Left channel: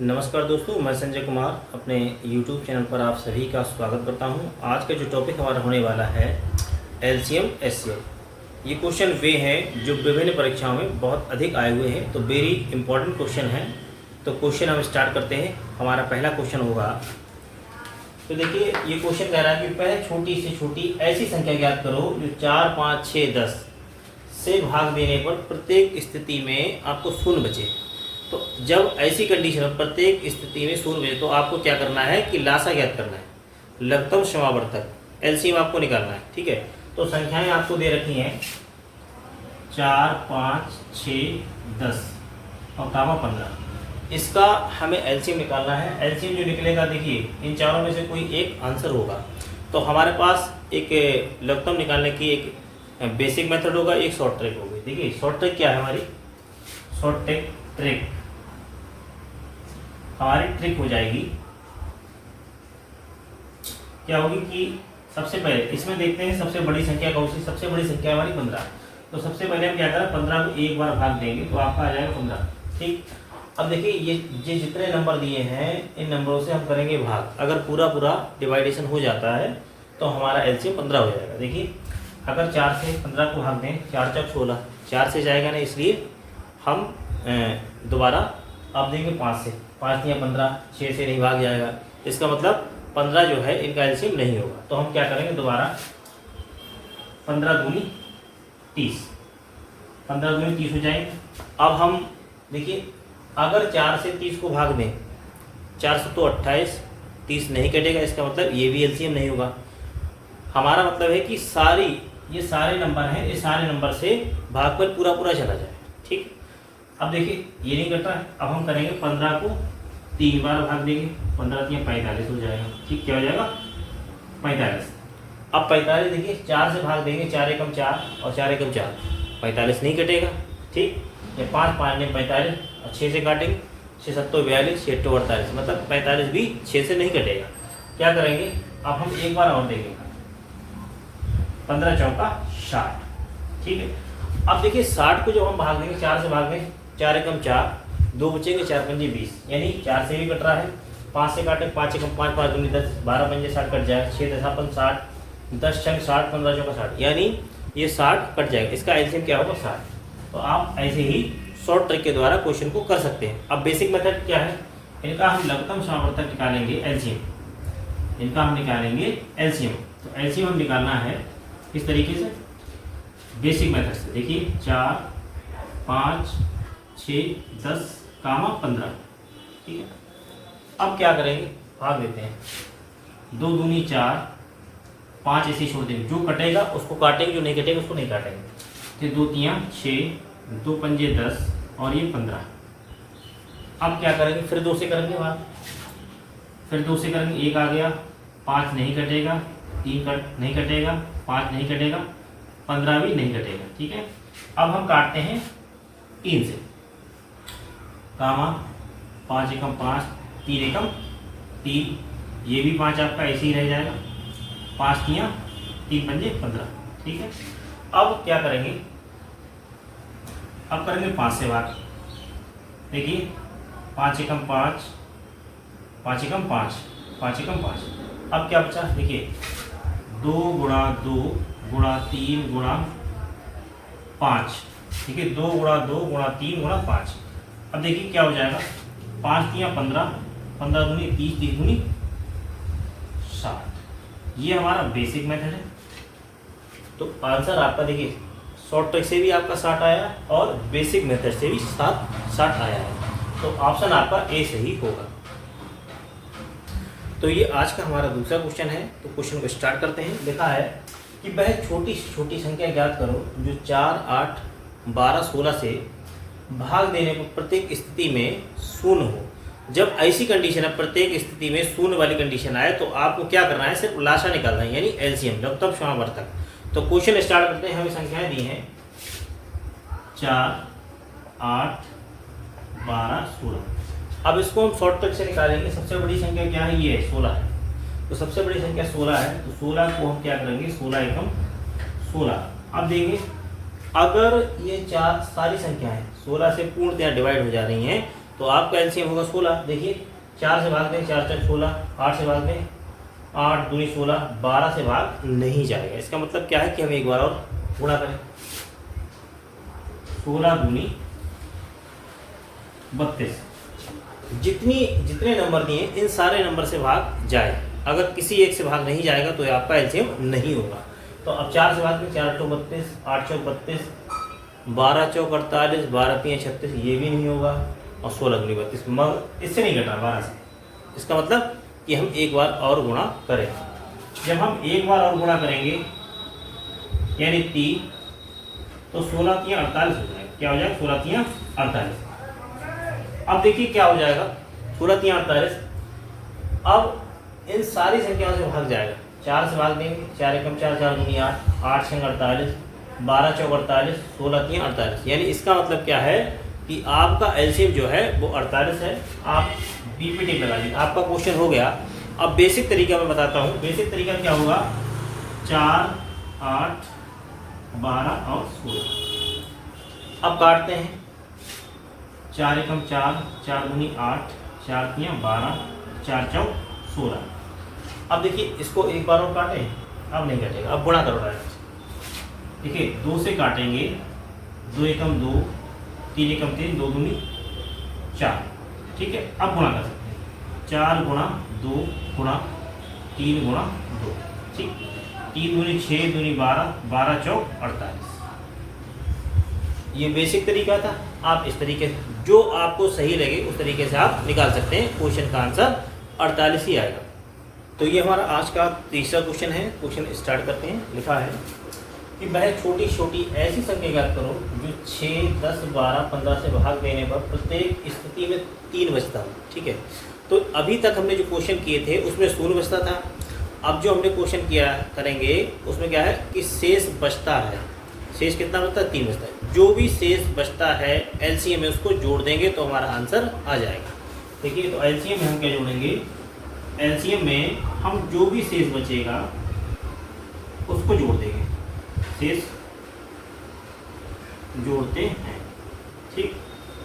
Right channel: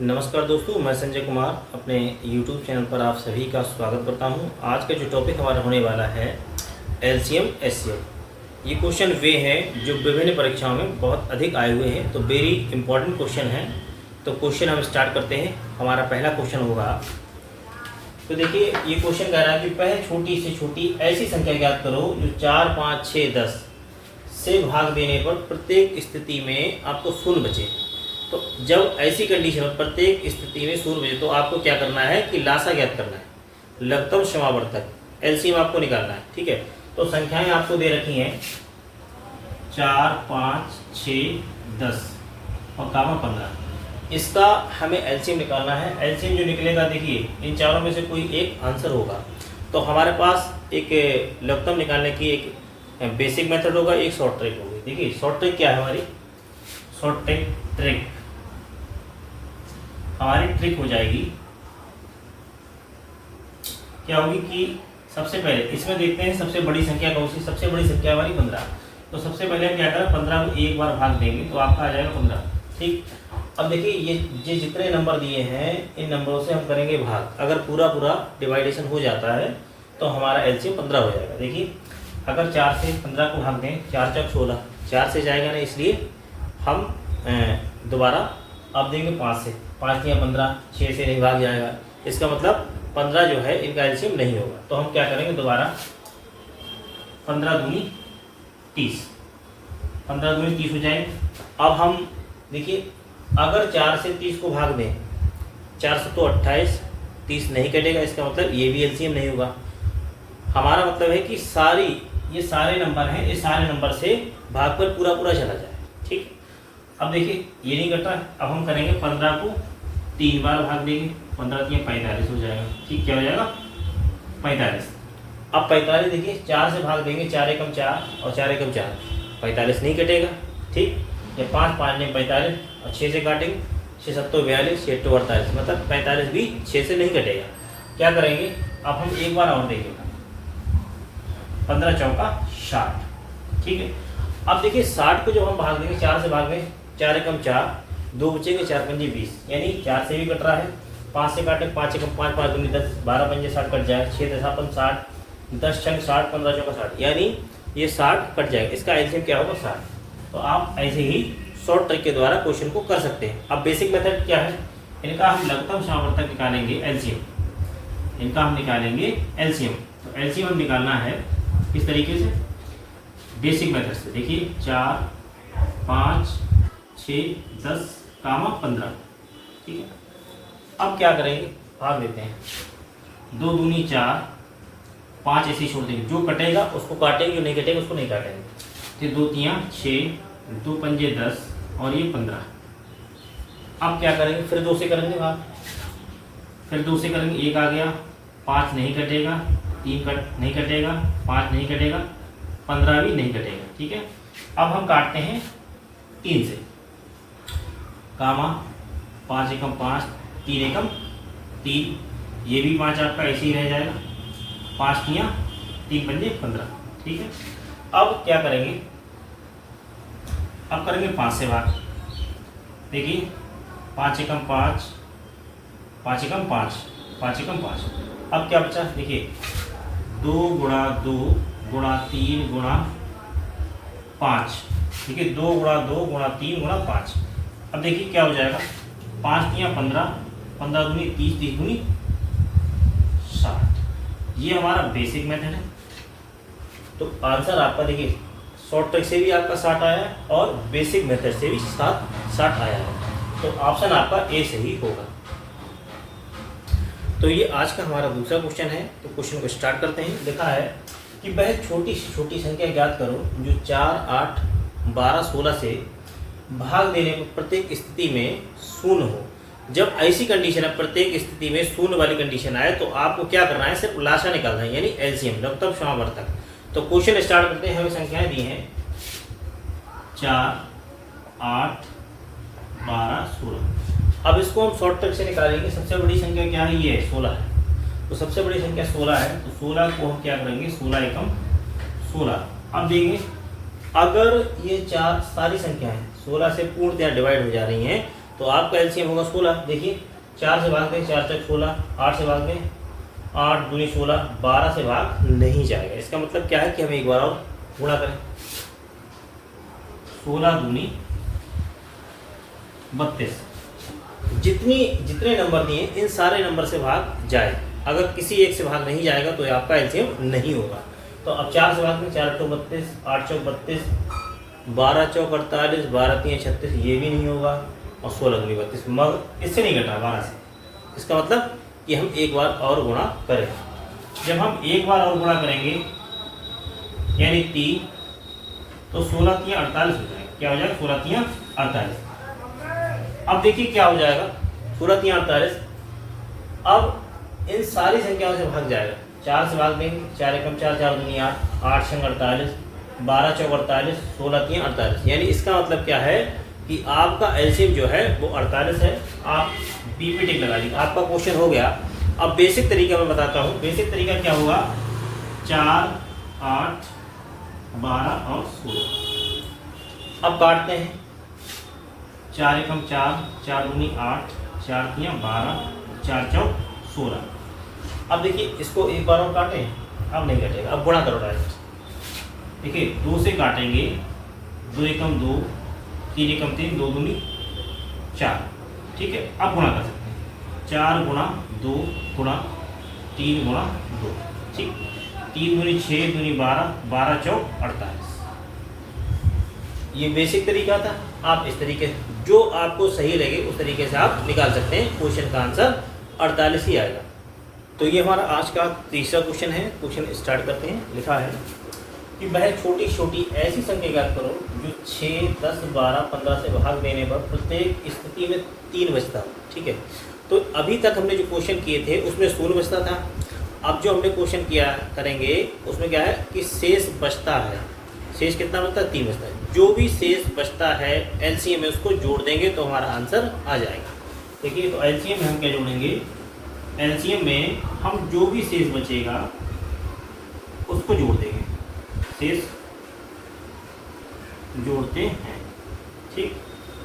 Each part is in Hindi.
नमस्कार दोस्तों, मैं संजय कुमार अपने YouTube चैनल पर आप सभी का स्वागत करता हूं। आज का जो टॉपिक हमारा होने वाला है एलसीएम एचसीएफ। ये क्वेश्चन वे हैं जो विभिन्न परीक्षाओं में बहुत अधिक आए हुए हैं, तो वेरी इंपॉर्टेंट क्वेश्चन है। तो क्वेश्चन हम स्टार्ट करते हैं। हमारा पहला क्वेश्चन होगा, तो देखिए ये क्वेश्चन कह रहा है कि पहले छोटी से छोटी ऐसी संख्या ज्ञात करो जो 4, 5, 6, 10 से भाग देने पर प्रत्येक स्थिति में आपको शून्य बचे। तो जब ऐसी कंडीशन में प्रत्येक स्थिति में शून्य बचे तो आपको क्या करना है कि लासा ज्ञात करना है, लघुत्तम समावर्तक एलसीएम आपको निकालना है। ठीक है, तो संख्याएं आपको दे रखी हैं 4, 5, 6, 10 और कामा 15। इसका हमें एलसीएम निकालना है। एलसीएम जो निकलेगा, देखिए इन चारों में से कोई एक आंसर होगा। तो हमारे पास एक लघुत्तम निकालने की एक बेसिक मेथड होगा, एक शॉर्ट ट्रिक होगी। देखिए शॉर्ट ट्रिक क्या है, हमारी शॉर्ट ट्रिक हमारी ट्रिक हो जाएगी, क्या होगी कि सबसे पहले इसमें देखते हैं सबसे बड़ी संख्या कौन सी। सबसे बड़ी संख्या हमारी 15। तो सबसे पहले हम क्या करें, 15 को एक बार भाग देंगे तो आपका आ जाएगा 15। ठीक, अब देखिए ये जितने नंबर दिए हैं इन नंबरों से हम करेंगे भाग। अगर पूरा डिवाइडेशन हो जाता है तो हमारा एलसीएम 15 हो जाएगा। देखिए अगर 4 से 15 को भाग दें, 4 चौक 16, 4 से जाएगा ना, इसलिए हम दोबारा अब देंगे 5 से। 5 या 15, 6 से नहीं भाग जाएगा, इसका मतलब 15 जो है इनका एलसीएम नहीं होगा। तो हम क्या करेंगे, दोबारा 15 दूनी 30, 15 दूनी 30 हो जाएंगे। अब हम देखिए अगर 4 से 30 को भाग दें, 4 से तो 28, 30 नहीं कटेगा, इसका मतलब ये भी एलसीएम नहीं होगा। हमारा मतलब है कि ये सारे नंबर हैं, ये सारे नंबर से भाग पर पूरा चला जाए। ठीक, अब देखिए ये नहीं कट रहा है। अब हम करेंगे 15 को 3 बार भाग देंगे, 15 3 45 हो जाएगा। ठीक, क्या हो जाएगा 45। अब 45 देखिए 4 से भाग देंगे, 4 एकम 4 और 4 एकम 4, 45 नहीं कटेगा। ठीक, ये 5 5 में 45 और 6 से काटेंगे, 6 7 42, 6 8 48, मतलब 45 भी 6 से नहीं कटेगा। क्या करेंगे, अब हम एक बार और देंगे, 15 चौका 60। ठीक है, अब देखिए 60 को जब हम भाग देंगे, 4 से भाग देंगे, 4 एकम 4, 2 बचेंगे, 4 पंजे 20, यानी 4 से भी कट रहा है। 5 से काटे, 5 एकम 5, 5 दूनी 10, 12 पंजे 60 कट जाए, 6 10 60, 10 छंग 60, 15 चौका 60, यानी ये 60 कट जाएगा। इसका एलसीएम क्या होगा, 60। तो आप ऐसे ही शॉर्ट ट्रिक के द्वारा क्वेश्चन को कर सकते हैं। अब बेसिक मेथड क्या है, इनका हम लघुत्तम समावर्तक निकालेंगे एलसीएम। इनका हम निकालेंगे एलसीएम। तो एलसीएम हम निकालना है किस तरीके से, बेसिक मेथड से। देखिए 4, 5, 6, 10 कामा 15। ठीक है, अब क्या करेंगे, भाग देते हैं। 2 दूनी 4, 5 ऐसे ही छोड़ देंगे, जो कटेगा उसको काटेंगे, जो नहीं कटेगा उसको नहीं काटेंगे। फिर 2 3 6, 2 पंजे 10 और ये 15। अब क्या करेंगे, फिर 2 से करेंगे भाग, फिर 2 से करेंगे, 1 आ गया, 5 नहीं कटेगा, 3 नहीं कटेगा, 5 नहीं कटेगा, 15 भी नहीं कटेगा। ठीक है, अब हम काटते हैं 3 से, कामा 5 एकम 5, 3 एकम 3, ये भी 5 आपका ऐसे ही रह जाएगा, 5 3 पंजे 15। ठीक है, अब क्या करेंगे, अब करेंगे 5 से भाग। देखिए 5 एकम 5, 5 एकम 5, 5 एकम 5। अब क्या बचा, देखिए 2 गुणा 2 गुणा 3 गुणा 5। ठीक है, 2 गुणा 2 गुणा 3 गुणा 5। अब देखिए क्या हो जाएगा, 5 3 15, 15 दूनी 30, 30 दूनी 60। ये हमारा बेसिक मेथड है। तो आंसर आपका देखिए शॉर्ट ट्रिक से भी आपका 60 आया है और बेसिक मेथड से भी 60 आया है। तो ऑप्शन आपका ए सही होगा। तो ये आज का हमारा दूसरा क्वेश्चन है। तो क्वेश्चन को स्टार्ट करते हैं। लिखा है कि वह छोटी से छोटी संख्या ज्ञात करो जो 4, 8, 12, 16 से भाग देने पर प्रत्येक स्थिति में शून्य हो। जब ऐसी कंडीशन है, प्रत्येक स्थिति में शून्य वाली कंडीशन आए, तो आपको क्या करना है, सिर्फ लाशा निकालना है, यानी एलसीएम लघुत्तम समावर्तक। तो क्वेश्चन स्टार्ट करते हैं। हमें संख्याएं दी हैं 4, 8, 12, 16। अब इसको हम शॉर्ट ट्रिक से निकालेंगे। सबसे बड़ी संख्या क्या है, ये 16 है। तो सबसे बड़ी संख्या 16 है, तो 16 को हम क्या करेंगे, 16 एकम 16। अब देंगे अगर ये चार सारी संख्याएं 16 से पूर्णतया डिवाइड हो जा रही हैं तो आपका एलसीएम होगा 16। देखिए 4 से भाग दें, 4 चौक 16, 8 से भाग दें, 8 दूनी 16, 12 से भाग नहीं जाएगा। इसका मतलब क्या है कि हम एक बार और गुणा करें, 16 दूनी 32। जितने नंबर दिए इन सारे नंबर से भाग जाए। अगर किसी एक से भाग नहीं जाएगा तो आपका एलसीएम नहीं होगा। तो अब 4 से भाग में, 4 चौक 32, 8 चौक 32, 12 चौक 48, 12 3 36, ये भी नहीं होगा, और 16 दूनी 32, मगर इससे नहीं घटा 12 से। इसका मतलब कि हम एक बार और गुणा करें। जब हम एक बार और गुणा करेंगे यानी 3, तो 16 3 48 हो जाएगा। क्या हो जाएगा? 16 3 48। अब देखिए क्या हो जाएगा, 16 3 48। अब इन सारी संख्याओं से भाग जाएगा। 4 से भाग देंगे, 4 एकम 4, 4 दूनी 8, 8 छंग 48, 12 चौक 48, 16 3 48। यानी इसका मतलब क्या है कि आपका एलसीएम जो है वो 48 है। आप बी पे टिक लगा दीजिए, आपका क्वेश्चन हो गया। अब बेसिक तरीका मैं बताता हूँ। बेसिक तरीका क्या होगा, 4 8 12 और 16। अब काटते हैं, 4 एकम 4, 4 दूनी 8, 4 3 12, 4 चौक 16। अब देखिए इसको एक बार और काटें, अब नहीं कटेगा, अब गुणा करो डायरेक्ट। देखिए 2 से काटेंगे, 2 एकम 2, 3 एकम 3, 2 दूनी 4। ठीक है, अब गुणा कर सकते हैं, 4 गुणा 2 गुणा 3 गुणा 2। ठीक, 3 दूनी 6, दूनी 12, 12 चौक 48। ये बेसिक तरीका था। आप इस तरीके जो आपको सही लगे उस तरीके से आप निकाल सकते हैं। क्वेश्चन का आंसर 48 ही आएगा। तो ये हमारा आज का तीसरा क्वेश्चन है। क्वेश्चन स्टार्ट करते हैं। लिखा है कि वह छोटी छोटी ऐसी संख्या ज्ञात करो जो 6, 10, 12, 15 से भाग देने पर प्रत्येक स्थिति में 3 बचता हो। ठीक है, तो अभी तक हमने जो क्वेश्चन किए थे उसमें शून्य बचता था। अब जो हमने क्वेश्चन किया करेंगे उसमें क्या है कि शेष बचता है। शेष कितना बचता है? 3 बचता है। जो भी शेष बचता है एलसीएम में उसको जोड़ देंगे तो हमारा आंसर आ जाएगा। देखिए, तो एलसीएम में हम क्या जोड़ेंगे, एलसीएम में हम जो भी शेष बचेगा उसको जोड़ देंगे। शेष जोड़ते हैं, ठीक,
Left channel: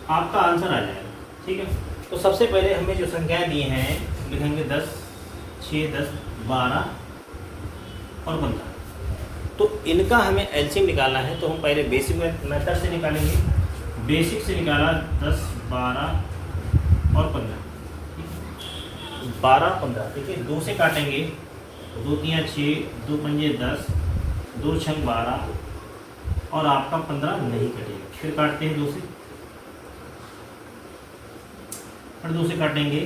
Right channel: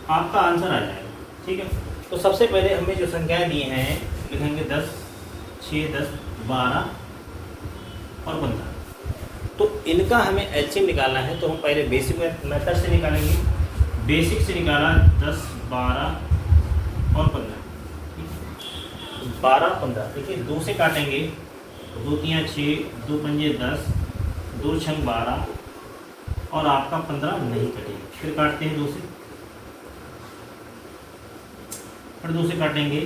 आपका आंसर आ जाएगा। ठीक है, तो सबसे पहले हमें जो संख्याएं दी हैं लिखेंगे 10, 6, 10, 12 और 15। तो इनका हमें एलसीएम निकालना है, तो हम पहले बेसिक मेथड से निकालेंगे। बेसिक से निकाला 10, 12 और 15। 12 15। देखिए 2 से काटेंगे, 2 3 6, 2 पंजे 10, 2 छंग 12 और आपका 15 नहीं कटेगा। फिर काटते हैं 2 से, फिर 2 से काटेंगे,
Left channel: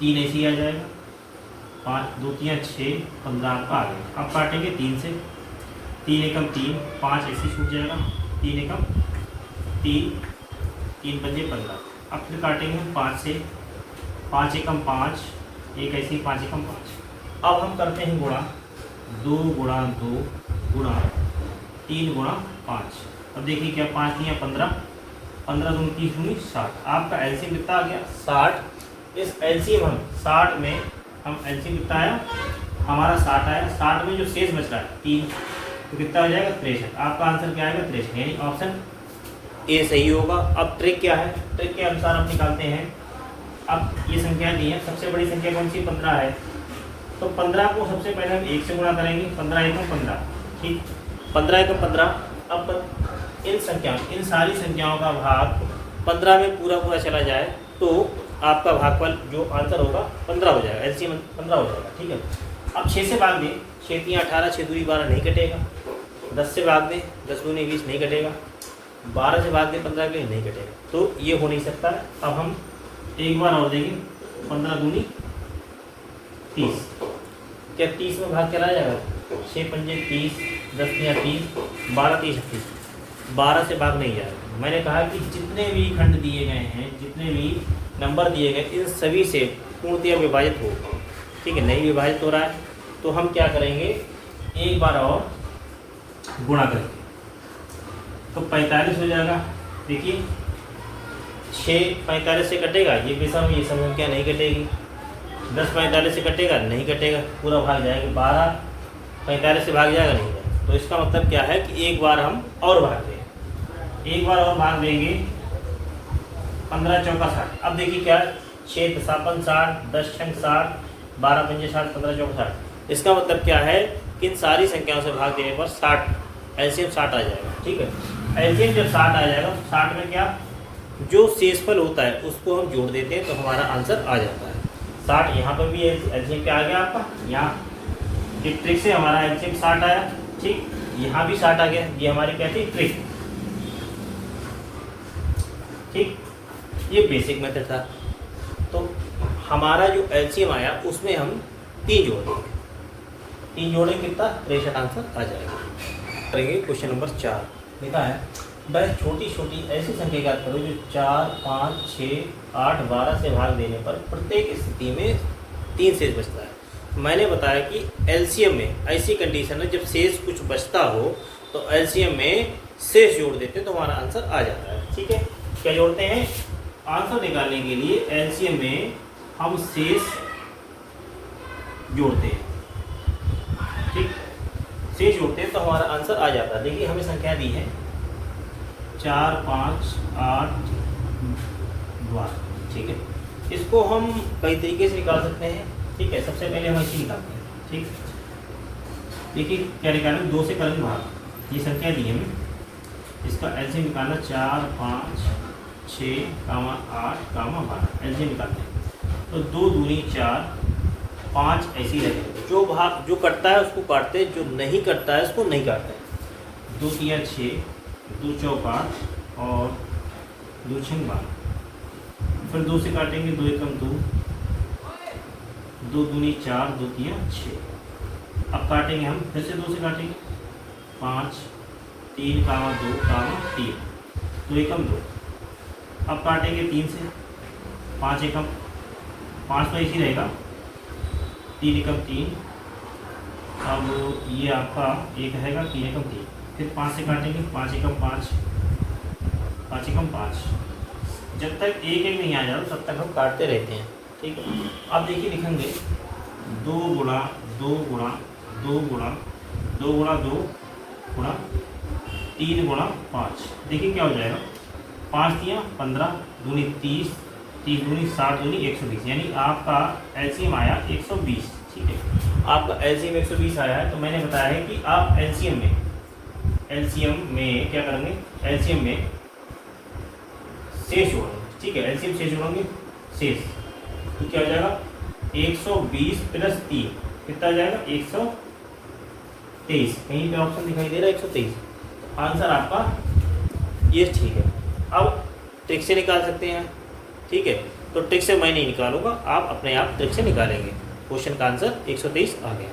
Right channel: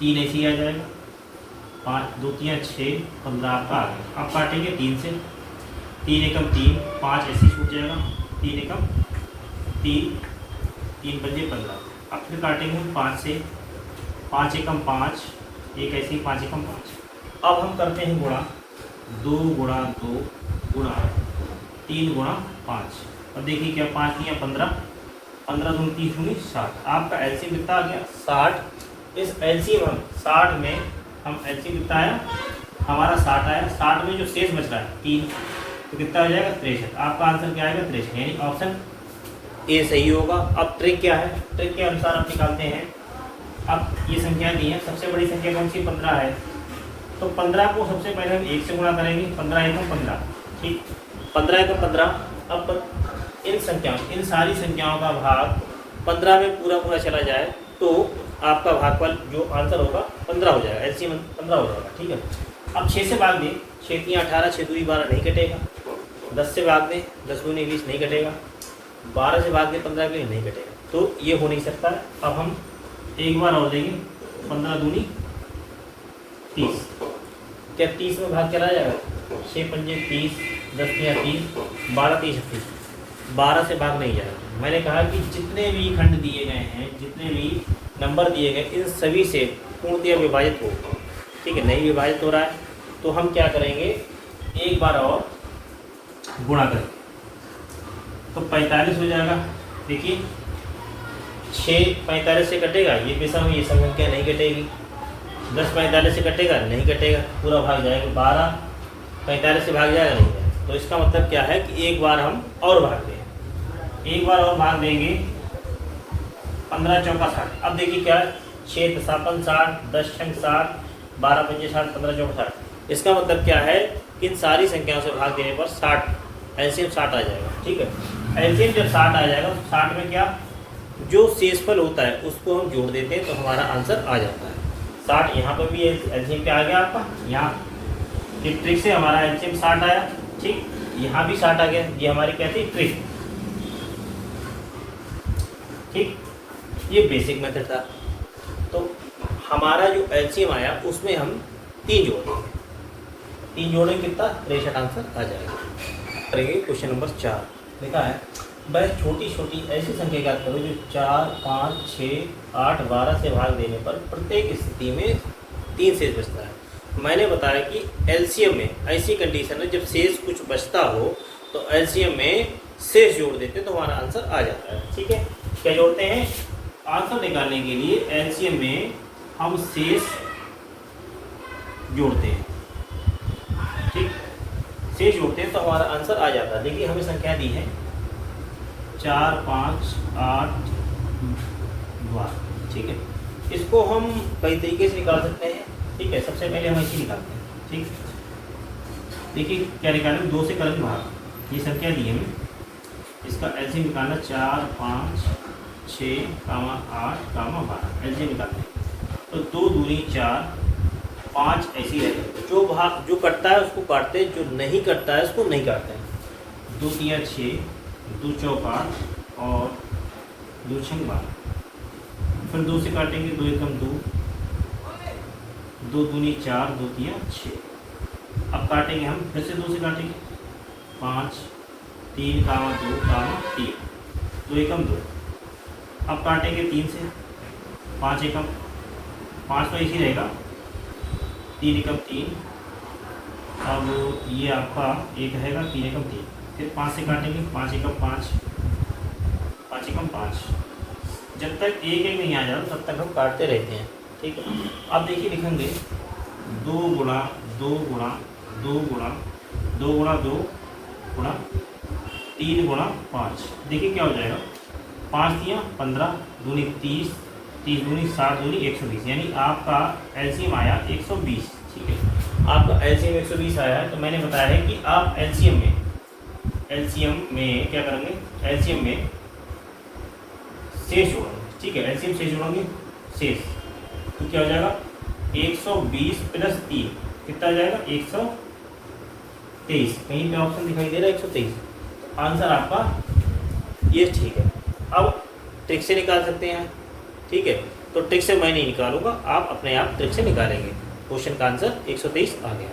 3 ऐसे ही आ जाएगा, 5 2 3 6, 15 आपका आ गया। अब काटेंगे 3 से, 3 एकम 3, 5 ऐसे छूट जाएगा, 3 एकम 3, 3 पंजे 15। अब फिर काटेंगे 5 से, 5 एकम 5, एक ऐसे ही 5 एकम 5। अब हम करते हैं गुणा, 2 गुणा 2 गुणा 3 गुणा 5। अब देखिए क्या 5 या 15, 15 दूनी 30 दूनी 60। आपका एलसीएम कितना आ गया? 60। इस एलसीएम हम 60 में हम एलसीएम कितना आया? हमारा 60 आया। 60 में जो शेष बच रहा है 3, तो कितना हो जाएगा? 63। आपका आंसर क्या आएगा? 63, यानी ऑप्शन ए सही होगा। अब ट्रिक क्या है? ट्रिक के अनुसार हम निकालते हैं। अब ये संख्या दी है, सबसे बड़ी संख्या कौन सी? 15 है। तो 15 को सबसे पहले हम 1 से गुणा करेंगे, 15 एकम 15। ठीक, 15 एकम 15। अब इन सारी संख्याओं का भाग 15 में पूरा चला जाए तो आपका भागफल जो आंसर होगा 15 हो जाएगा। एलसीएम 15 हो जाएगा। ठीक है, अब 6 से भाग दें, 6 3 18, 6 दूनी 12 नहीं कटेगा। 10 से भाग दें, 10 दूनी 20 नहीं कटेगा। 12 से भाग दें 15 के लिए नहीं कटेगा। तो ये हो नहीं सकता। अब हम एक बार और देंगे, 15 दूनी 30। क्या 30 में भाग चला जाएगा? 6 पंजे 30, 10 या 30, 12 30 30। 12 से भाग नहीं जाएगा। मैंने कहा कि जितने भी खंड दिए गए हैं, जितने भी नंबर दिए गए, इन सभी से पूर्णतः विभाजित हो। ठीक है, नहीं विभाजित हो रहा है तो हम क्या करेंगे, एक बार और गुणा करें तो 45 हो जाएगा। देखिए 6 45 से कटेगा, ये विषम ये संख्या नहीं कटेगी। 10 45 से कटेगा, नहीं कटेगा, पूरा भाग जाएगा। 12 45 से भाग जाएगा, नहीं। तो इसका मतलब क्या है कि एक बार हम और भाग दें, एक बार और भाग देंगे 15 चौका 60। अब देखिए क्या है, 6 सापन 60, 10 छंग 60, 12 पंजे 60, 15 चौका 60। इसका मतलब क्या है, इन सारी संख्याओं से भाग देने पर 60 एलसीएम 60 आ जाएगा। ठीक है, एलसीएम जब 60 आ जाएगा तो 60 में क्या, जो शेषफल होता है उसको हम जोड़ देते हैं तो हमारा आंसर आ जाता है 60। यहाँ पर भी एलसीएम क्या आ गया आपका, यहाँ ये ट्रिक से हमारा एलसीएम 60 आया। ठीक, यहाँ भी 60 आ गया, ये हमारी क्या थी, ट्रिक। ठीक, ये बेसिक मेथड था। तो हमारा जो एलसीएम आया उसमें हम 3 जोड़ेंगे, 3 जोड़ेंगे कितना, 63 आंसर आ जाएगा। करेंगे क्वेश्चन नंबर 4। लिखा है, वह छोटी छोटी ऐसी संख्या ज्ञात करो जो 4, 5, 6, 8, 12 से भाग देने पर प्रत्येक स्थिति में 3 शेष बचता है। मैंने बताया कि एलसीएम में ऐसी कंडीशन है जब शेष कुछ बचता हो तो एलसीएम में शेष जोड़ देते हैं तो हमारा आंसर आ जाता है। ठीक है, क्या जोड़ते हैं, आंसर निकालने के लिए एलसीएम में हम शेष जोड़ते हैं। ठीक, शेष जोड़ते हैं तो हमारा आंसर आ जाता है। देखिए हमें संख्या दी है 4, 5, 8, 12। ठीक है, इसको हम कई तरीके से निकाल सकते हैं। ठीक है, सबसे पहले हम ऐसे निकालते हैं। ठीक, देखिए क्या निकालें, 2 से करेंगे भाग, ये संख्या दी है हमें, इसका एलसीएम निकालना 4, 5, 6, 8, 12 एलसीएम निकालते हैं। तो 2 दूनी 4, 5 ऐसे ही रह जाएंगे। जो भाग जो कटता है उसको काटते हैं, जो नहीं कटता है उसको नहीं काटते हैं। 2 तिया 6, 2 चौका और 2 छंग 12। फिर 2 से काटेंगे, 2 एकम 2, 2 दूनी 4, 2 तिया 6। अब काटेंगे हम, फिर से 2 से काटेंगे, 5, 3, 2, 3, 2 एकम 2। अब काटेंगे 3 से, 5 एकम 5 तो इसी रहेगा, 3 एकम 3। अब ये आपका एक रहेगा, 3 एकम 3। फिर 5 से काटेंगे, 5 एकम 5, 5 एकम 5। जब तक एक एक नहीं आ जाए तब तक हम काटते रहते हैं। ठीक है, अब देखिए लिखेंगे 2 गुणा 2 गुणा 2 गुणा 2 गुणा 2 गुणा 3 गुणा 5। देखिए क्या हो जाएगा, 5 तिया 15, दूनी 30, 30 दूनी 60, दूनी 120, यानी आपका एलसीएम आया 120। ठीक है, आपका एलसीएम 120 आया है। तो मैंने बताया है कि आप एलसीएम में क्या करेंगे, एलसीएम में शेष जोड़ेंगे। ठीक है, एलसीएम शेष जोड़ेंगे, शेष तो क्या हो जाएगा, 120 प्लस 3 कितना आ जाएगा, 123। कहीं पे ऑप्शन दिखाई दे रहा है 123, आंसर आपका ये ठीक है। अब ट्रिक से निकाल सकते हैं। ठीक है, तो ट्रिक से मैं नहीं निकालूंगा, आप अपने आप ट्रिक से निकालेंगे। क्वेश्चन का आंसर 123 आ गया।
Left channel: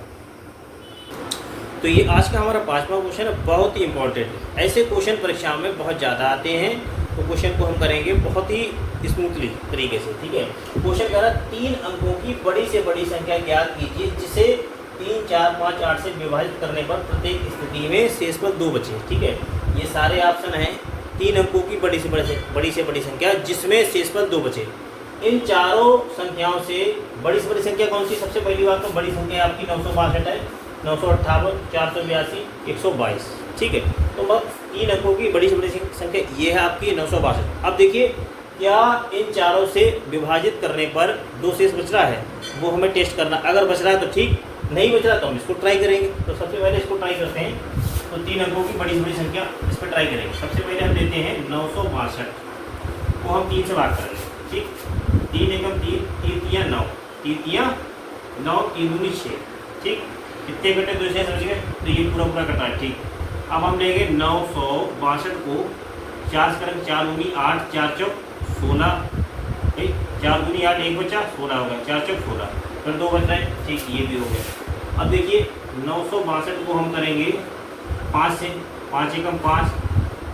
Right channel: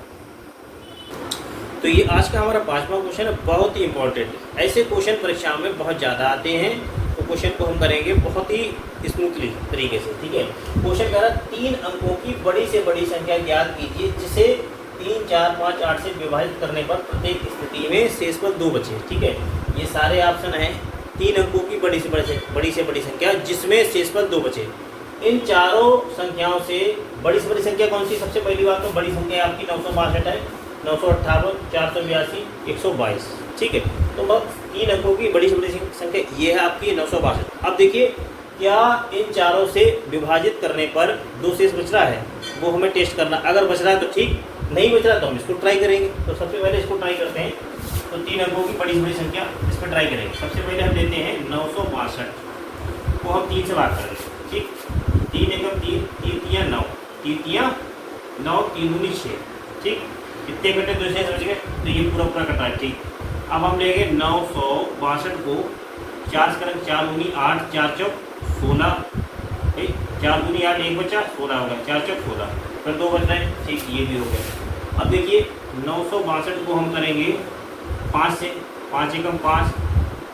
तो ये आज का हमारा 5वां क्वेश्चन है, बहुत ही इंपॉर्टेंट है। ऐसे क्वेश्चन परीक्षा में बहुत ज़्यादा आते हैं, तो क्वेश्चन को हम करेंगे बहुत ही स्मूथली तरीके से। ठीक है, क्वेश्चन कह रहा 3 अंकों की बड़ी से बड़ी संख्या ज्ञात कीजिए जिसे 3, 4, 5, 8 से विभाजित करने पर प्रत्येक स्थिति में शेषफल 2 बचे। ठीक है, ये सारे ऑप्शन हैं, 3 अंकों की बड़ी से बड़ी संख्या जिसमें शेषफल 2 बचे। इन चारों संख्याओं से बड़ी संख्या कौन सी, सबसे पहली बात तो बड़ी संख्या आपकी 962 है, 958, 482, 122। ठीक है, तो बस 3 अंकों की बड़ी संख्या ये है आपकी 962। अब देखिए क्या इन चारों से विभाजित करने पर 2 शेष बच रहा है, वो हमें टेस्ट करना। अगर बच रहा है तो ठीक, नहीं बच रहा तो हम इसको ट्राई करेंगे। तो सबसे पहले इसको ट्राई करते हैं। तो 3 अंकों की बड़ी संख्या इस पर ट्राई करेंगे। सबसे पहले हम देते हैं 962 को हम 3 से भाग करेंगे। ठीक, 3 एकम 3, 3 तिया 9, 3 तिया 9, 3 दूनी 6। ठीक, कितने घंटे दूसरे समझ गए, तो ये पूरा कटा है। ठीक, अब हम लेंगे 962 को 4 से करेंगे, 4 दूनी 8, 4 चौक 16। ठीक, 4 दूनी 8, 1 बचा 16 होगा, 4 चौक 16, फिर 2 बच रहे हैं। ठीक, ये भी हो गया। अब देखिए 962 को हम करेंगे 5 से, 5 एकम 5,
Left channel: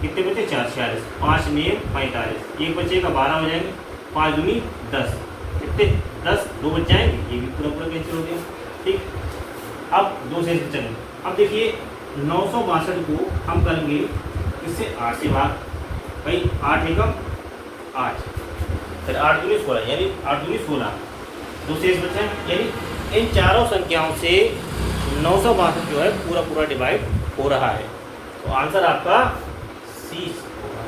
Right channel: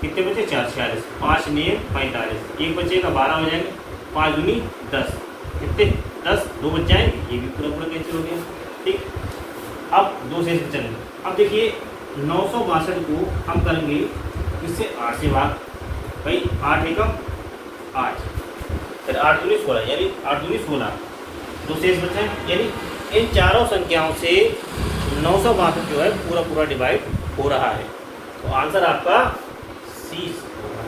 कितने बचे 4, 46, 5 में 45, 1 बचेगा 12 हो जाएंगे, 5 दूनी 10, कितने 10, 2 बच जाएंगे, ये भी पूरा कैंसिल हो गया। ठीक, अब 2 शेष चलेंगे। अब देखिए 962 को हम करेंगे इससे 8 से भाग, भाई 8 एकम 8, फिर 8 दूनी 16, यानी 8 दूनी 16, 2 शेष बचे हैं। यानी इन चारों संख्याओं से 962 जो है पूरा डिवाइड हो रहा है। तो आंसर आपका सी होगा।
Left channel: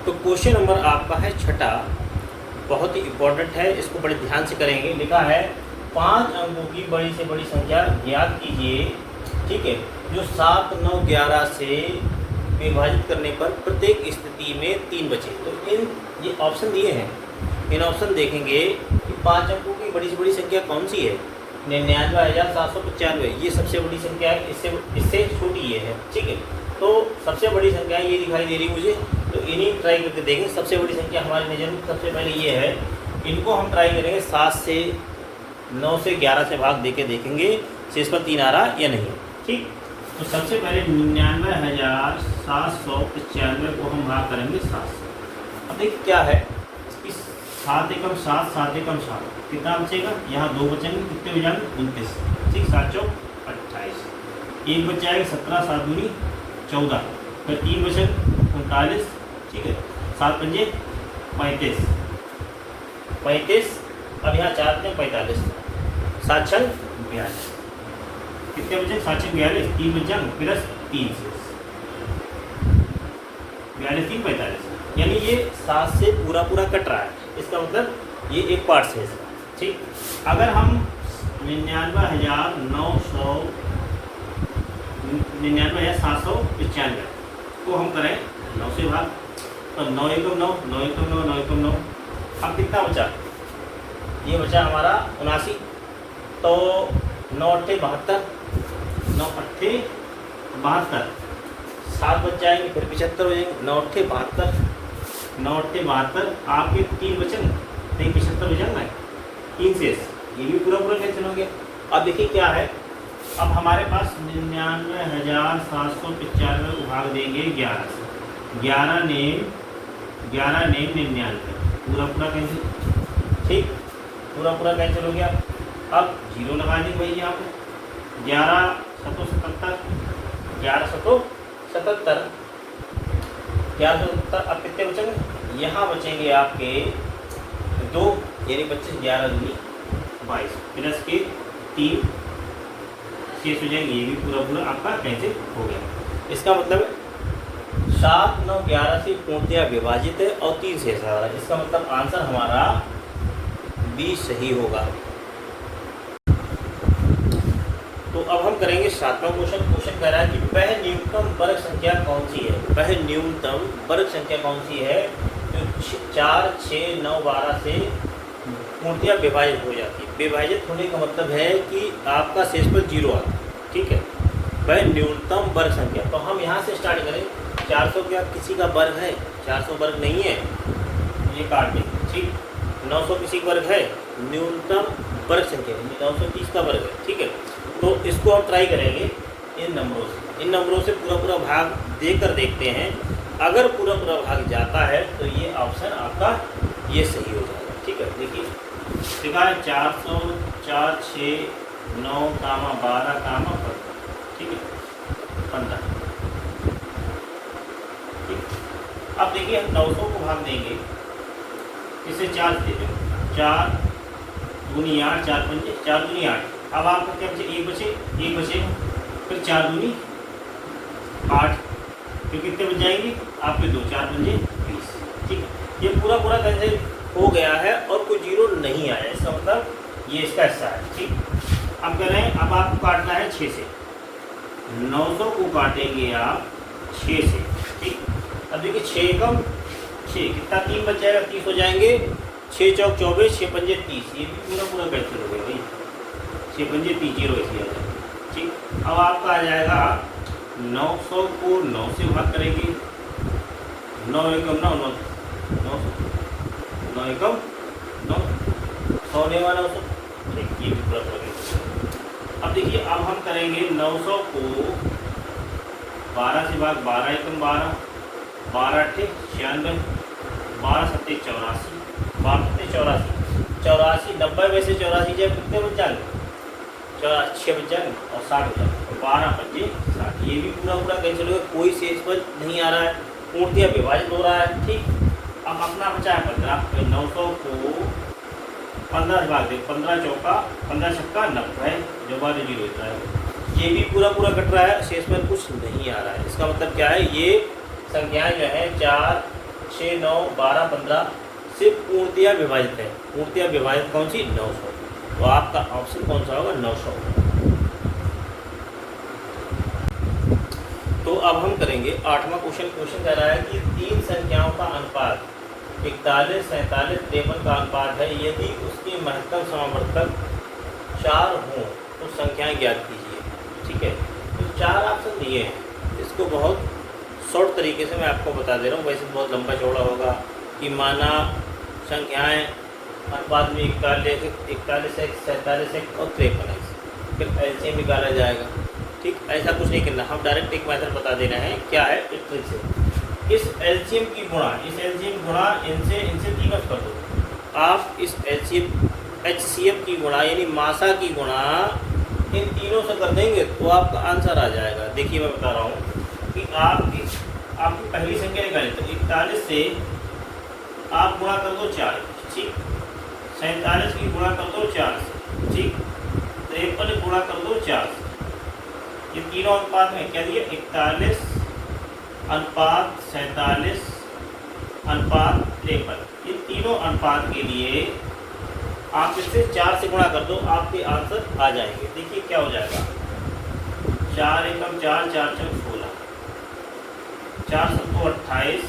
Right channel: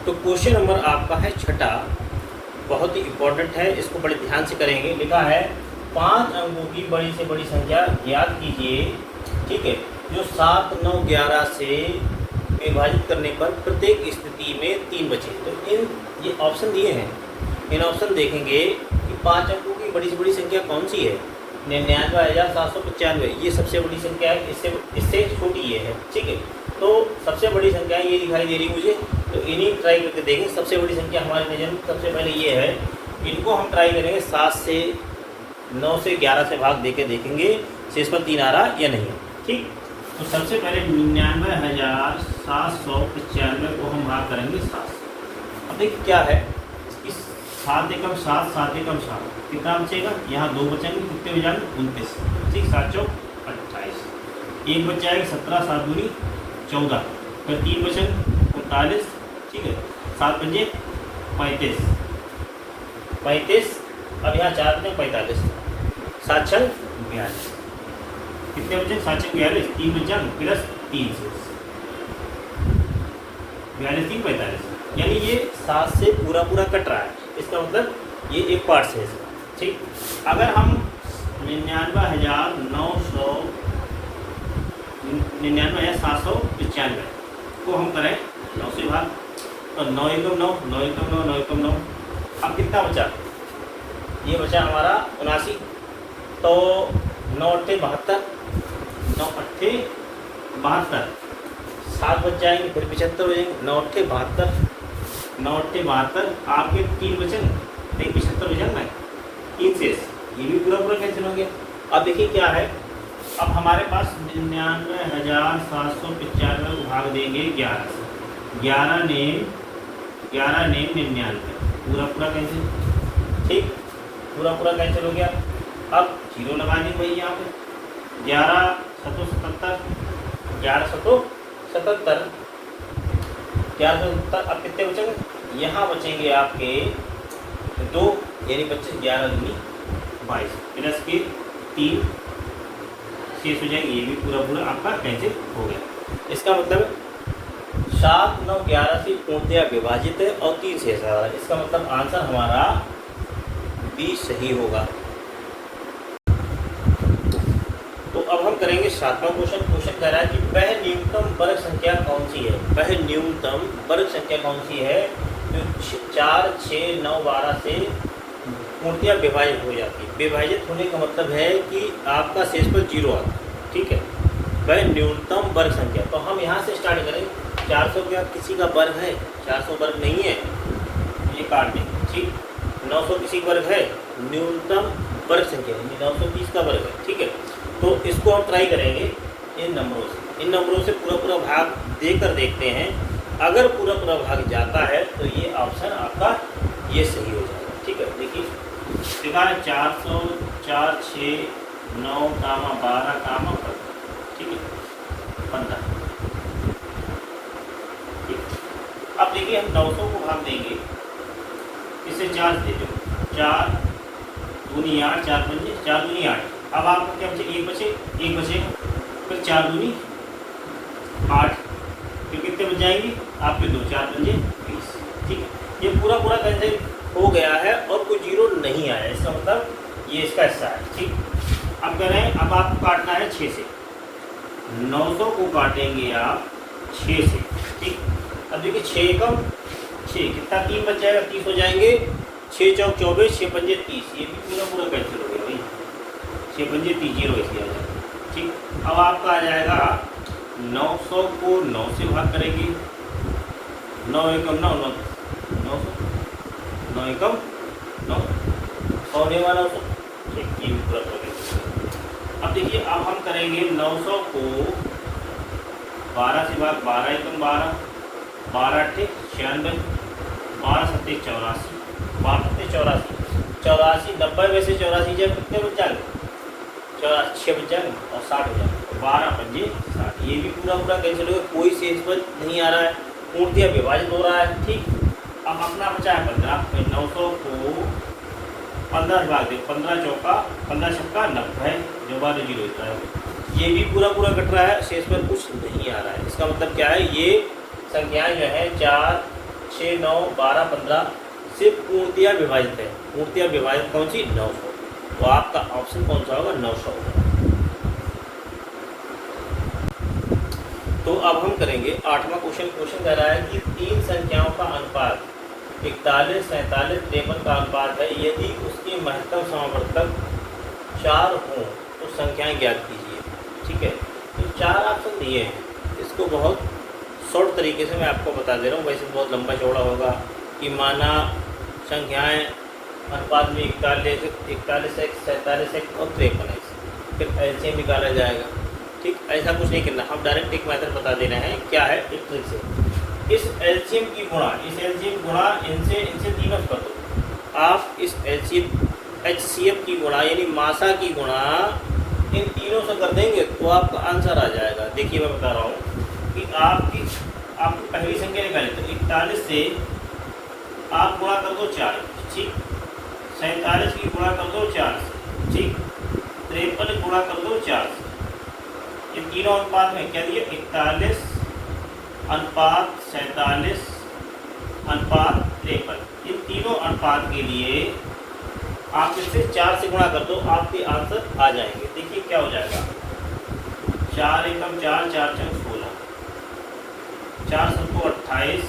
तो क्वेश्चन नंबर आपका है छठा, बहुत ही इम्पोर्टेंट है, इसको बड़े ध्यान से करेंगे। लिखा है 5 अंकों की बड़ी से बड़ी संख्या ज्ञात कीजिए, ठीक है, जो 7, 9, 11 से विभाजित करने पर प्रत्येक स्थिति में 3 बचे। तो इन ये ऑप्शन दिए हैं, इन ऑप्शन देखेंगे कि 5 अंकों की बड़ी से बड़ी संख्या कौन सी है। 99,795 ये सबसे बड़ी संख्या है, इससे छोटी ये है, ठीक है। तो सबसे बड़ी संख्या ये दिखाई दे रही है मुझे, तो इन्हीं ट्राई करके देखें। सबसे बड़ी संख्या हमारे मेजर में सबसे पहले ये है, इनको हम ट्राई करेंगे 7 से 9 से 11 से भाग देके देखेंगे शेष पर 3 आ रहा या नहीं, ठीक। तो सबसे पहले 99,795 को हम भाग करेंगे 7 से। अब देखिए क्या है, इस 7 एकम 7, 7 एकम 7 कितना बचेगा, यहाँ 2 बचेंगे, कितने हो जाएंगे 29, ठीक, 7 चौक 28, एक बच जाएगा 17, 7 दूनी 14, फिर 3 बचेगा 39, ठीक है, 7 पंजे 35, अब यहाँ 4 में 45, 7 छंग 42, कितने बचे 7 छंग 42, 3 बचा प्लस 3 से 42, 3, 45, यानी ये 7 से पूरा कट रहा है। इसका मतलब ये एक पार्ट से, ठीक। अगर हम 99,795 को हम करें 9 से भाग, तो 9 एकम 9, 9 एकम 9, 9 एकम 9, अब कितना बचा, ये बचा हमारा 79, तो 9 अट्ठे 72, 9 अट्ठे 72, 7 बच जाएंगे, फिर 75 हो जाएंगे, 9 अट्ठे 72, 9 अट्ठे 72, आपके 3 बचन, नहीं 75 हो जाएंगे 3 शेष, ये भी पूरा कैंसिल हो गया। अब देखिए क्या है, अब हमारे पास 99,795 को भाग देंगे 11 से, 11 नेम 99, पूरा कैंसिल, ठीक, पूरा कैंसिल हो गया। अब 0 लगा देंगे भाई यहाँ पे, 11 7 77, 11 7 77, 11 अब कितने बचेंगे, यहाँ बचेंगे आपके 2, यानी 25, 11 दूनी 22, प्लस के 3 शेष हो जाएंगे, ये भी पूरा आपका कैंसिल हो गया। इसका मतलब 7, 9, 11 से पूर्णतया विभाजित है और 3 शेष आ रहा है। इसका मतलब आंसर हमारा 20 सही होगा। तो अब हम करेंगे 7वां क्वेश्चन। क्वेश्चन कह रहा है कि वह न्यूनतम वर्ग संख्या कौन सी है, वह न्यूनतम वर्ग संख्या कौन सी है जो 4, 6, 9, 12 से पूर्णतया विभाजित हो जाती है। विभाजित होने का मतलब है कि आपका शेष पर 0 आता है, ठीक है। वह न्यूनतम वर्ग संख्या, तो हम यहाँ से स्टार्ट करें। 400 का किसी का वर्ग है, 400 वर्ग नहीं है, ये काट देंगे, ठीक। 900 किसी वर्ग है, न्यूनतम वर्ग संख्या 930 का वर्ग है, ठीक है। तो इसको हम ट्राई करेंगे इन नंबरों से पूरा भाग देकर देखते हैं। अगर पूरा भाग जाता है तो ये ऑप्शन आपका ये सही हो जाएगा, ठीक है। देखिए लिखा है 400, 4, 6, 9, 12, 15, ठीक है, 15, ठीक। अब देखिए हम 900 को भाग देंगे, इसे 4 दे दो, 4 दूनी 8, 4 पंजे 4 दूनी 8। अब आपको क्या बचे, एक बचे, फिर 4 दूनी 8, फिर कितने बच जाएंगे आपके 2, 4 पंजे 20, ठीक। ये पूरा कैंसिल हो गया है और कोई 0 नहीं आया, इसका मतलब ये इसका हिस्सा है, ठीक। अब कह रहे हैं अब आपको काटना है 6 से, 900 को काटेंगे आप 6 से, ठीक। अब देखिए 6 एकम 6 कितना, 3 बच जाएगा, 30 हो जाएंगे, 6 चौक 24, 6 पंजे 30, ये भी पूरा कैंसिल हो गया भाई, 6 पंजे 30, 0 ऐसे आ जाएगा, ठीक। अब आपका आ जाएगा 900 को 9 से भाग करेंगे, 9 एकम 9, 9 एकम 9, 100 ने वाला 100, ये भी पूरा कैंसिल। अब देखिए अब हम करेंगे 900 को 12 से भाग, 12 एकम 12, 12 अट्ठे 96, 12 सत्ते 84, 12 सत्ते 84, 90 में से 84 जब कितने बच जाएंगे, 6 बच जाएंगे और 60 हो जाएंगे, 12 पंजे 60, ये भी पूरा कैंसिल हो गया, कोई शेष पर नहीं आ रहा है, पूर्णतया विभाजित हो रहा है, ठीक। अब अपना बचा है 15, तो 900 को 15 से भाग दे, 15 चौका 15 छक्का 90, जो 12 0 होता है, ये भी पूरा कट रहा है, शेष में कुछ नहीं आ रहा है। इसका मतलब क्या है, ये संख्याएं जो है 4, 6, 9, 12, 15 सिर्फ पूर्णतया विभाजित है। पूर्णतया विभाजित कौन सी? 900। तो आपका ऑप्शन कौन सा होगा? 900 होगा। तो अब हम करेंगे 8वां क्वेश्चन। क्वेश्चन कह रहा है कि 3 संख्याओं का अनुपात 41, 47, 53 का अनुपात है। यदि उसकी महत्तम समावर्तक 4 हो तो संख्याएं ज्ञात कीजिए। ठीक है, तो 4 ऑप्शन दिए हैं। इसको बहुत शॉर्ट तरीके से मैं आपको बता दे रहा हूँ, वैसे बहुत लंबा चौड़ा होगा कि माना संख्याएं अनुपात में 41, 47 और 53, फिर एलसीएम निकाला जाएगा। ठीक, ऐसा कुछ नहीं करना, हम डायरेक्ट एक मेथड बता देना है। क्या है? एक ट्रिक से इस एलसीएम की गुणा इनसे तीनों कर दो। आप इस एचसीएफ की गुणा यानी मासा की गुणा इन तीनों से कर देंगे तो आपका आंसर आ जाएगा। देखिए मैं बता रहा हूँ कि आपकी पहली संख्या निकाली तो 41 से आप गुणा कर दो 4। ठीक, 47 की गुणा कर दो 4। ठीक, 53 गुणा कर दो 4। इन तीनों अनुपात में क्या दिए? 41 अनुपात 47 अनुपात 53। इन तीनों अनुपात के लिए आप इसे 4 से गुणा कर दो, आपके आंसर आ जाएंगे। देखिए क्या हो जाएगा। 4 एकम 4, 4 चौक 16, 4 सत्तो 28,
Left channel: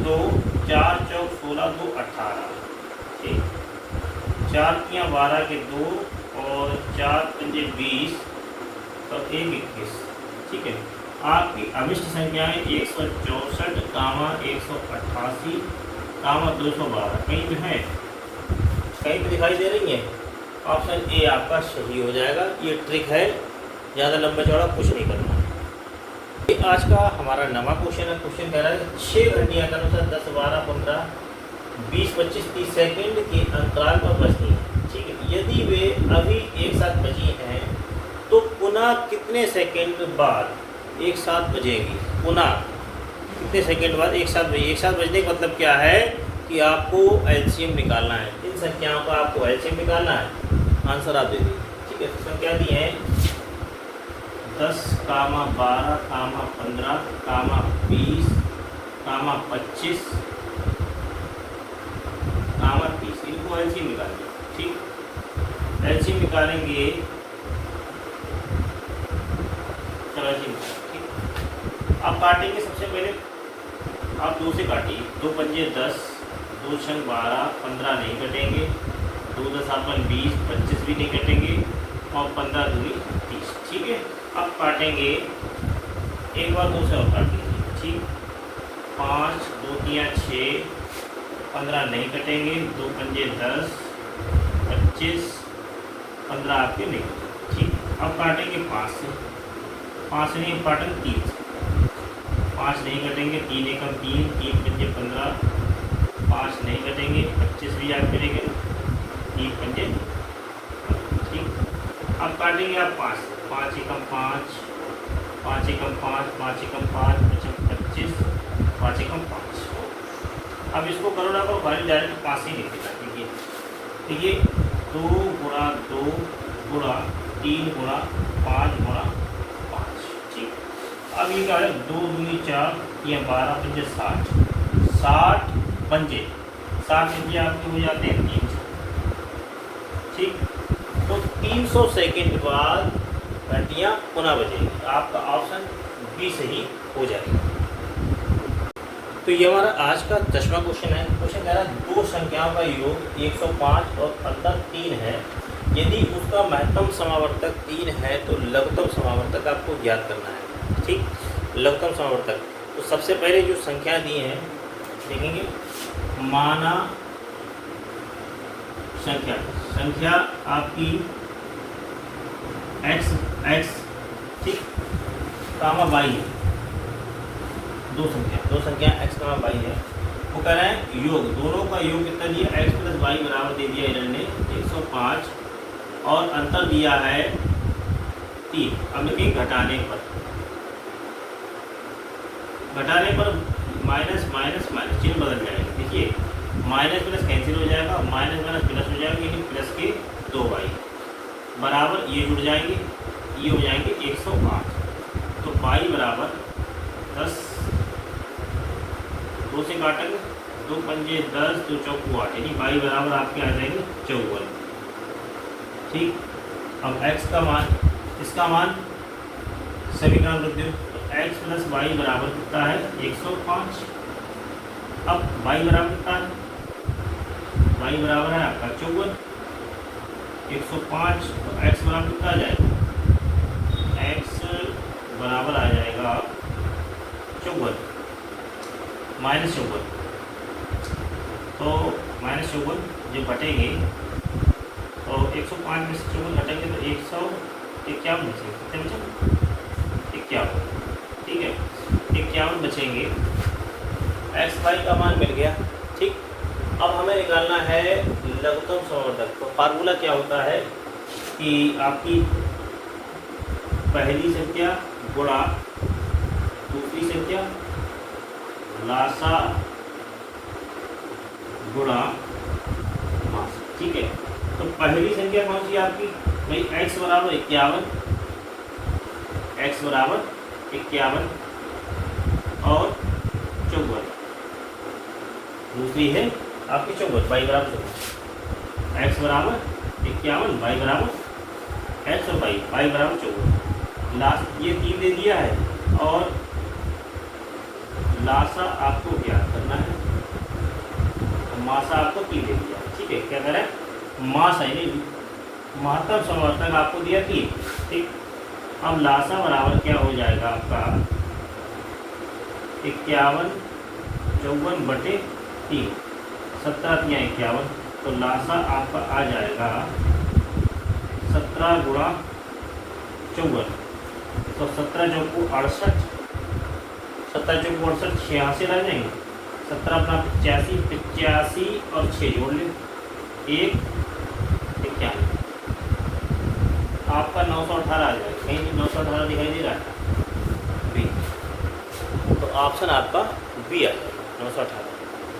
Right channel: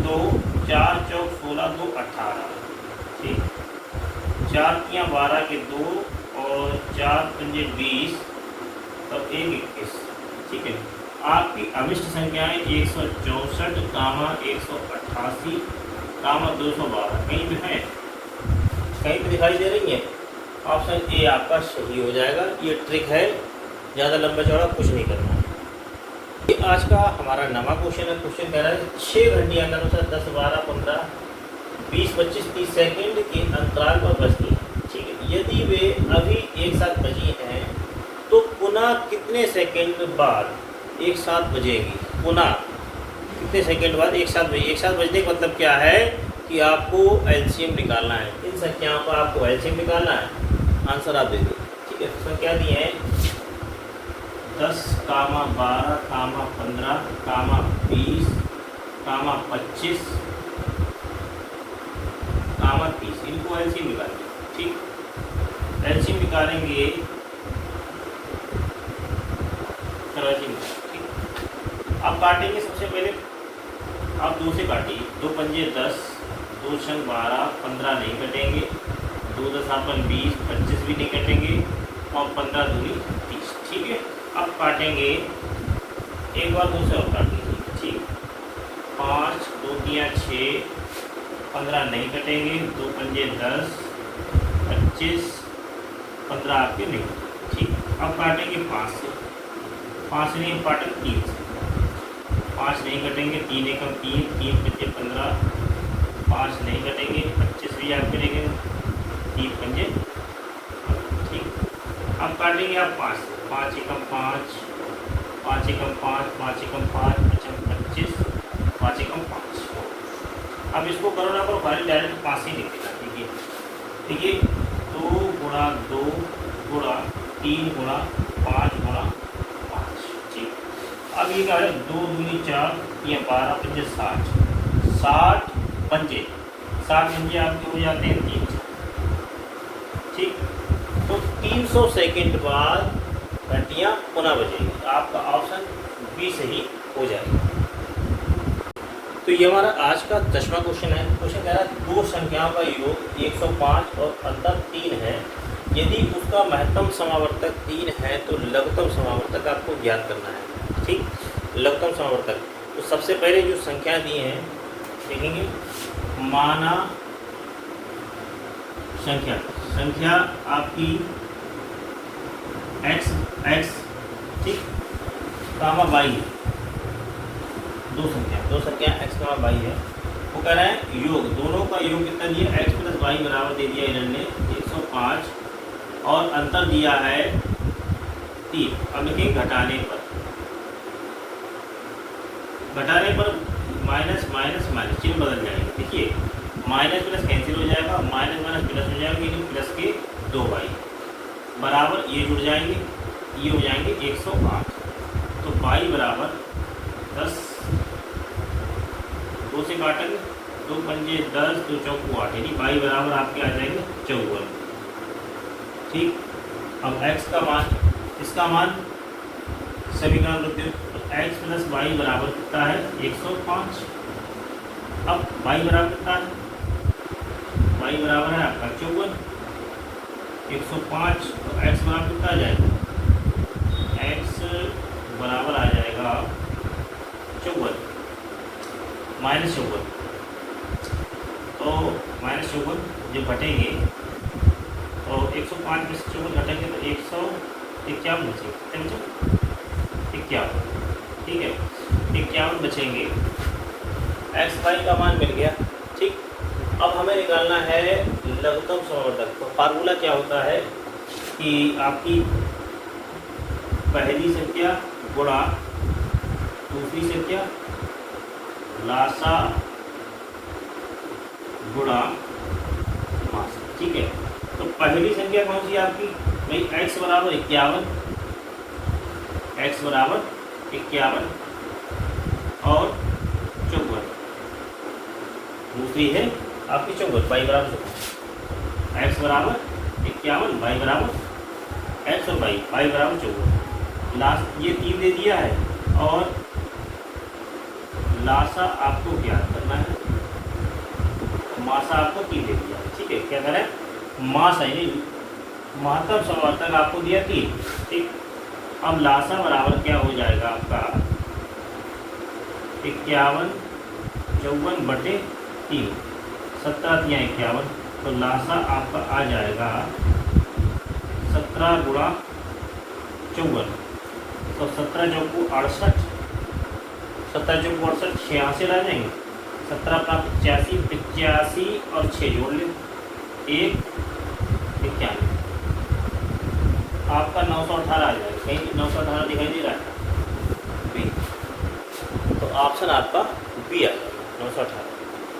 2, 4 चौक 16, 2 18। ठीक, 4 तियां 12 के 2 और 4 पंजे 20 और 1 21। ठीक है, आपकी अभिष्ट संख्याएं 164, 188, 212 कहीं भी है, कहीं पे दिखाई दे रही है। ऑप्शन ए आपका सही हो जाएगा। ये ट्रिक है, ज़्यादा लंबा चौड़ा कुछ नहीं करना। ये आज का हमारा नवा क्वेश्चन है। क्वेश्चन कह रहा है 6 घंटियाँ के अनुसार 10, 12, 15, 20, 25, 30 सेकेंड के अंतराल पर बजती हैं। ठीक है, यदि वे अभी एक साथ बजी हैं तो पुनः कितने सेकेंड बाद एक साथ बजेगी? पुनः कितने सेकेंड बाद एक साथ बजेगी? एक साथ बजने का मतलब क्या है कि आपको एलसीएम निकालना है। इन संख्याओं का आपको एलसीएम निकालना है, आंसर आप दे दो। ठीक है, तो क्या दिए हैं? 10, 12, 15, 20, 25, 30। इनको एलसीएम निकालेंगे। ठीक, एलसीएम निकालेंगे। चलो एलसीएम। ठीक, आप काटेंगे। सबसे पहले आप 2 से काटिए। 2 पंजे 10, 2 छंग 12, 15 नहीं कटेंगे, 2 10 20, 25 भी नहीं कटेंगे और 15 दूरी 30। ठीक है, अब काटेंगे एक बार 2 से और काटेंगे। ठीक, 5, 2 तियां 6, 15 नहीं कटेंगे, 2 पंजे 10, 25, 15 आपके नहीं। ठीक, अब काटेंगे 5 से। 5 नहीं काटें 3 से। 5 नहीं कटेंगे, 3 एकम 3, 3 पंजे 15, 5 नहीं कटेंगे, 25 भी याद करेंगे, 3 पंजे। ठीक, अब काटेंगे आप 5 से। 5 एकम 5, 5 एकम 5, 5 एकम 5, 25, 5 एकम 5। अब इसको करो ना करो, भाई डायरेक्ट 5 ही लिखेगा। ठीक है, ठीक है, 2 गुणा 2 गुणा 3 गुणा 5 गुणा 5। ठीक, अब ये क्या है? 2 दूनी 4, ये 12 पंजे 60, 60 पंजे आपके हो जाते हैं 300। ठीक, तो 300 सेकेंड बाद घंटियाँ पुनः बजेंगी। आपका ऑप्शन बी सही हो जाएगा। तो ये हमारा आज का 10वां क्वेश्चन है। क्वेश्चन कह रहा है 2 संख्याओं का योग 105 और अंतर 3 है। यदि उसका महत्तम समावर्तक 3 है तो लघुत्तम समावर्तक आपको ज्ञात करना है। ठीक, लघुत्तम समावर्तक। तो सबसे पहले जो संख्या दी हैं देखेंगे। माना संख्या आपकी x ठीक कामा y है। दो संख्या x कामा y है। वो कह रहे हैं योग, दोनों का योग कितना दिया? x प्लस वाई बराबर दे दिया इन्होंने 105 और अंतर दिया है 3। अब देखिए घटाने पर माइनस माइनस माइनस चिन्ह बदल जाएगा। देखिए माइनस प्लस कैंसिल हो जाएगा, माइनस माइनस प्लस हो जाएगा, लेकिन प्लस के 2y बराबर ये जुड़ जाएंगे, ये हो जाएंगे 108। तो y बराबर 10 2 से काटेंगे, 2 पंजे 10, 2 चौको 8, यानी y बराबर आपके आ जाएंगे 54। ठीक, अब x का मान, इसका मान समीकरण लिखते हैं, x प्लस वाई बराबर कितना है 105। अब y बराबर कितना है, y बराबर है आपका 54, 105, तो x बराबर कितना आ जाएगा, x बराबर आ जाएगा 54 माइनस 54, तो माइनस 54 जब घटेंगे तो 105 में से 54 घटेंगे तो 151 बचेंगे, 51, ठीक है, 51 बचेंगे, एक्स वाई का मान मिल गया। ठीक, अब हमें निकालना है लघुत्तम समवर्धक। तो फार्मूला क्या होता है कि आपकी पहली संख्या गुणा दूसरी संख्या लासा गुणा मास। ठीक है, तो पहली संख्या कौन सी आपकी भाई, x बराबर 51, x बराबर 51 और 54, दूसरी है आपकी 54, y बराबर 54, x बराबर 51, y बराबर x और y बराबर 54। लास्ट ये 3 दे दिया है और लासा आपको ज्ञात करना है, मासा आपको 3 दे दिया है। ठीक है, क्या करें, मास है नहीं, महत्तम समवर्तक आपको दिया 3। ठीक, अब लासा बराबर क्या हो जाएगा आपका 51, 54 बटे 3, 17 या 51, तो लासा आपका आ जाएगा 17 गुणा 54, तो 17 चौको 68, 17 चौको 68, 86 ला जाएंगे, 17 अपना 85, 85 और 6 जोड़ लें, 1 91, आपका 918 आ जाएगा। कहीं 918 दिखाई दे रहा है बी, तो ऑप्शन आपका बी आ जाएगा 918।